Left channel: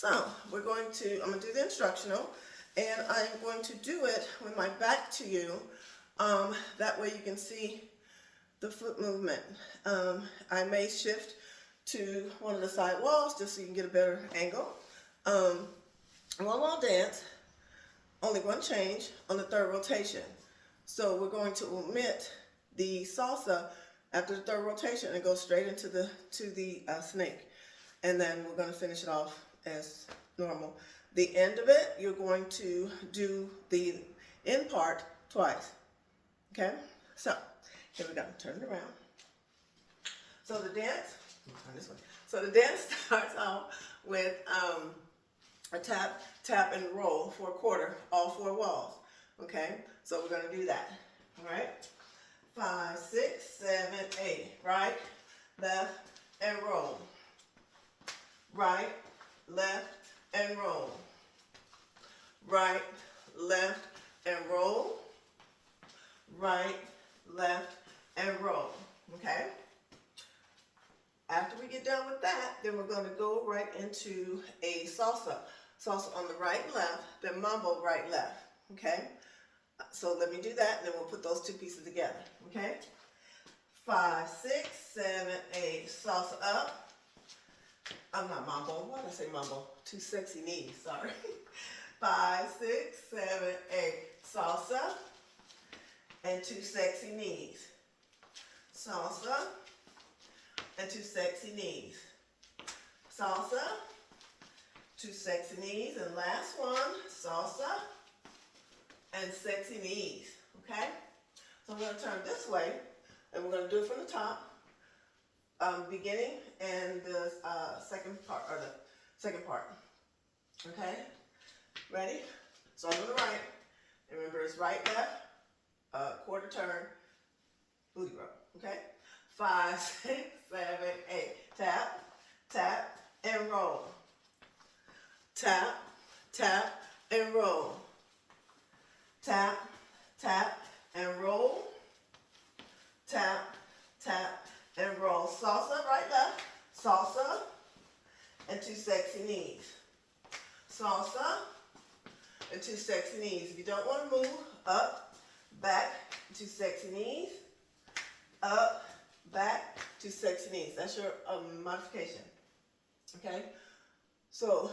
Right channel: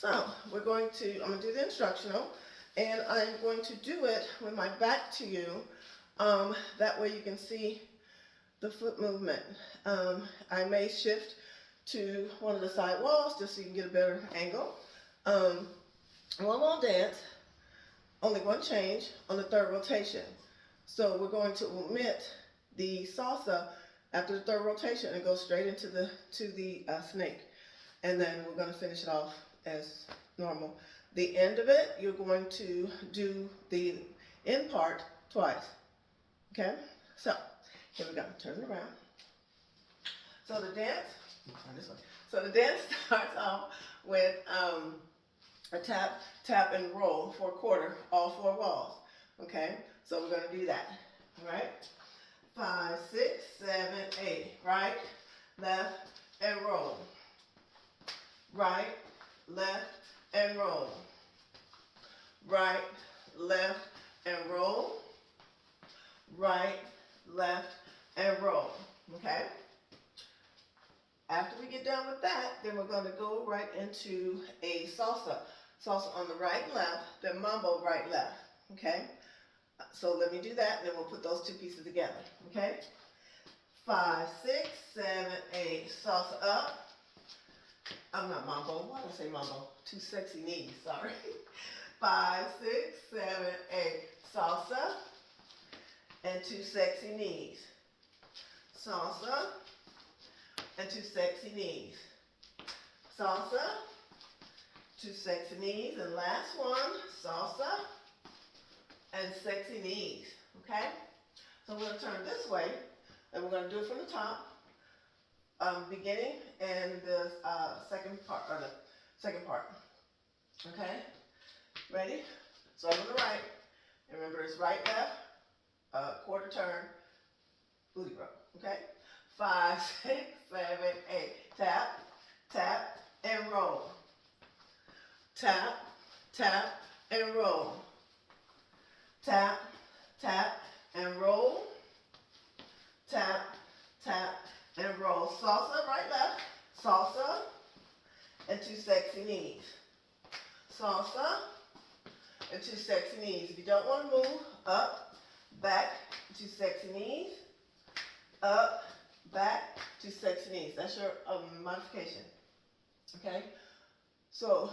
So I'm going to do the instructional, and I'm going to do it with my back to you. That way you can see the foot movement. I may shift to one of the side walls just so you can get a better angle. One wall dance, only one change on the third rotation. So we're going to omit the salsa after the third rotation and go straight into the snake. And then we're going to finish it off as normal. The end of it, you're going to do the end part twice. Okay? So, here we go. Turn it around. So the dance, turn this way. So the dance starts off with a tap, tap, and roll for a quarter, all four walls. Okay? So we're going to do that. All right? 5, 6, 7, 8. Right, left, and roll. Right, left, and roll. Right, left, and roll. Right, left, and roll. Okay? After we get done with that, then we're going to go right into a salsa. Salsa on the right, left, then mambo right, left. Okay? So let me do that, then we'll put those two pieces together. Okay? 5, 6, 7, 8. Salsa up. I'm not mambo. Why did I say mambo? Two sexy knees. Sorry. 5, 6, 7, 8. Salsa and two sexy knees. Salsa and two sexy knees. Salsa, two sexy knees, and last one, salsa and sexy knees. Okay? So I'm going to turn this way, and we're going to do it from the top. Beginning and the second part. Okay? Ready? So on the right. Remember, it's right, left, quarter turn, booty rub. Okay? 5, 6, 7, 8. Tap, tap, and roll. Tap, tap, and roll. Tap, tap, and roll. Tap, tap, and roll. Salsa, right, left. Salsa and two sexy knees. Salsa and two sexy knees. If you don't want to move, up, back, two sexy knees. Up, back, two sexy knees. That's your modification. Okay? So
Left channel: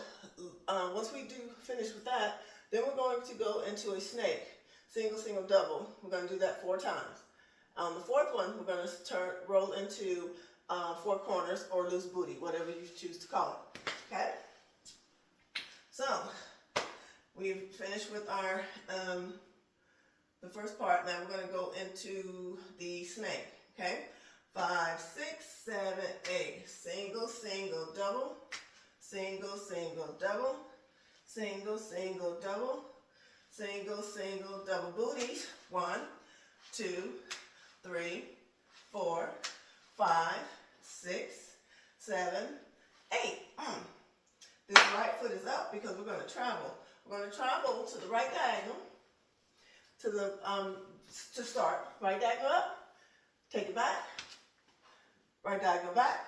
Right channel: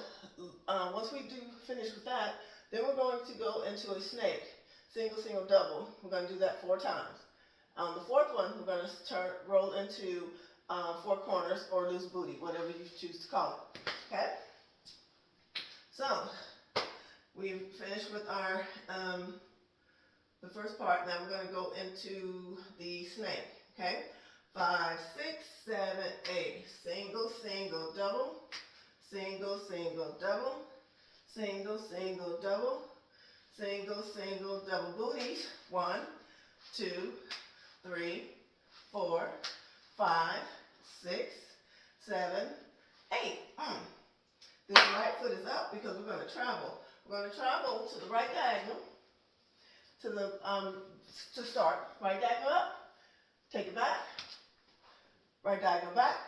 once we do finish with that, then we're going to go into a snake. Single, single, double. We're going to do that 4 times. On the fourth one, we're going to roll into 4 corners or loose booty, whatever you choose to call it. Okay? So, we've finished with our the first part. Now we're going to go into the snake. Okay? 5, 6, 7, 8. Single, single, double. Single, single, double. Single, single, double. Single, single, double booties. 1, 2, 3, 4, 5, 6, 7, 8. This right foot is up because we're going to travel. We're going to travel to the right diagonal to start. Right diagonal up, take it back, right diagonal back,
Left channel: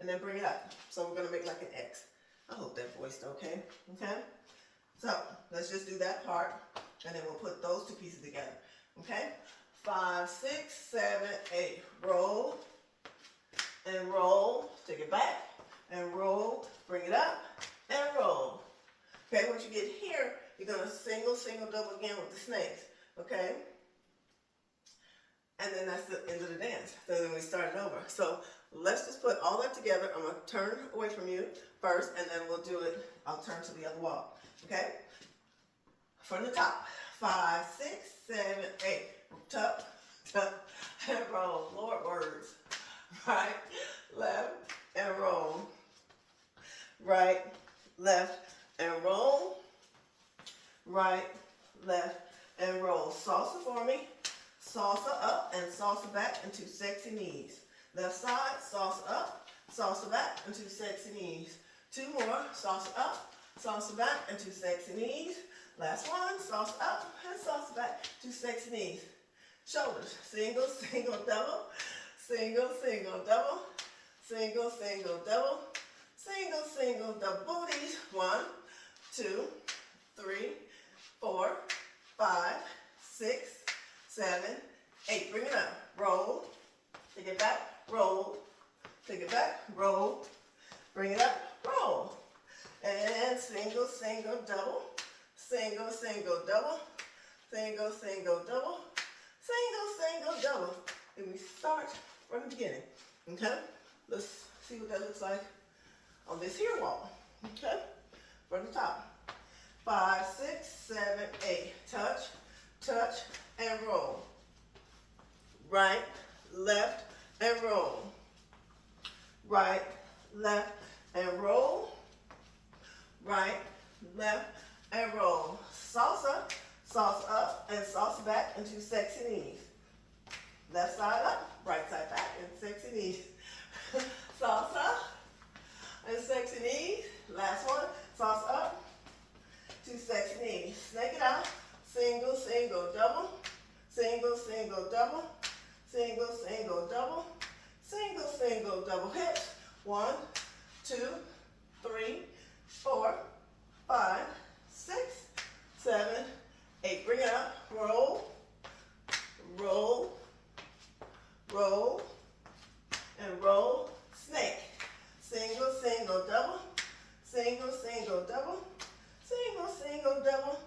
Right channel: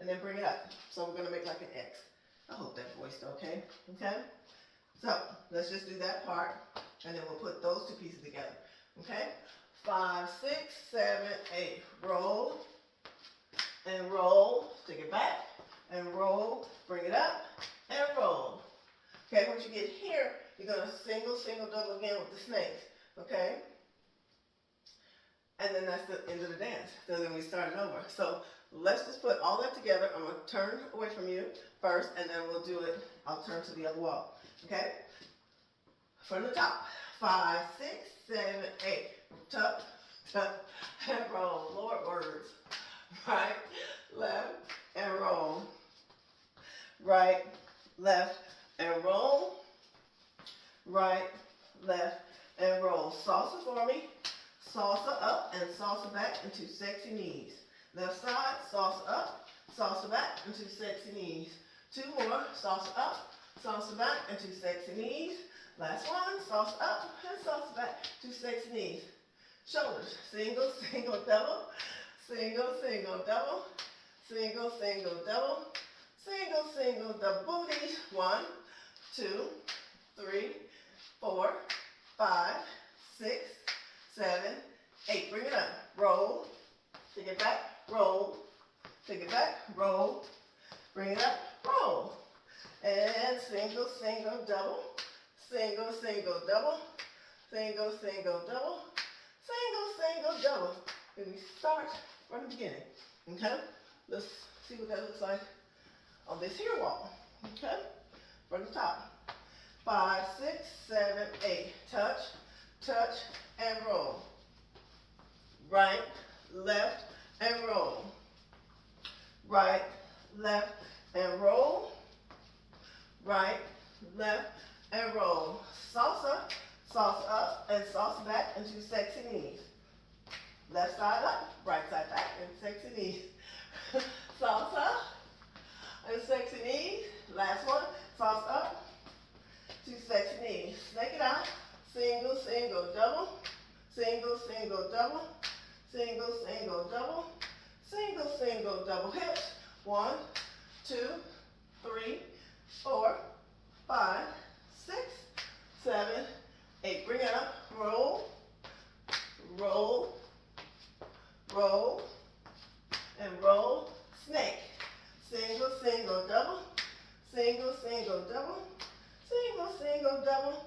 and then bring it up. So we're going to make like an X. I hope that voiced okay. Okay? So let's just do that part, and then we'll put those two pieces together. Okay? 5, 6, 7, 8. Roll and roll. Take it back and roll. Bring it up and roll. Okay, once you get here, you're going to single, single, double again with the snakes. Okay? And then that's the end of the dance. So then we start it over. So let's just put all that together. I'm going to turn away from you first, and then we'll do it. I'll turn to the other wall. Okay? From the top. 5, 6, 7, 8. Tuck, tuck, and roll. Lord words. Right, left, and roll. Right, left, and roll. Right, left, and roll. Salsa for me. Salsa up and salsa back and two sexy knees. Left side, salsa up, salsa back and two sexy knees. 2 more. Salsa up, salsa back and two sexy knees. Last one. Salsa up and salsa back, two sexy knees. Shoulders. Single, single, double. Single, single, double. Single, single, double. single, single, double booties. 1, 2, 3, 4, 5, 6, 7, 8. Bring it up. Roll. Take it back. Roll. Take it back. Roll. Bring it up. Roll. And single, single, double. Single, single, double. Single, single, double. Single, single, double. Then we start from the beginning. Okay? Let's see what that looks like on this here wall. Okay? From the top. 5, 6, 7, 8. Touch, touch, and roll. Right, left, and roll. Right, left, and roll. Right, left, and roll. Salsa, salsa up, and salsa back into sexy knees. Left side up, right side back, and sexy knees. Salsa, and sexy knees. Last one, salsa up, to sexy knees. Snake it out. Single, single, double. Single, single, double. Single, single, double. Single, single, double hips. 1, 2, 3, 4, 5, 6, 7, 8. Bring it up. Roll, roll, roll, and roll. Snake. Single, single, double. Single, single, double. Single, single, double.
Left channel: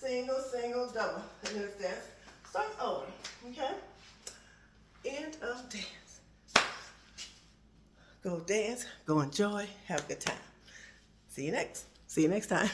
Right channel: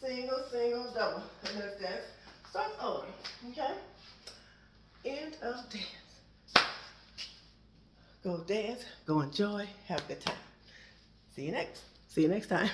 Single, single, double. And then this dance starts over. Okay? End of dance. Go dance, go enjoy, have a good time. See you next time.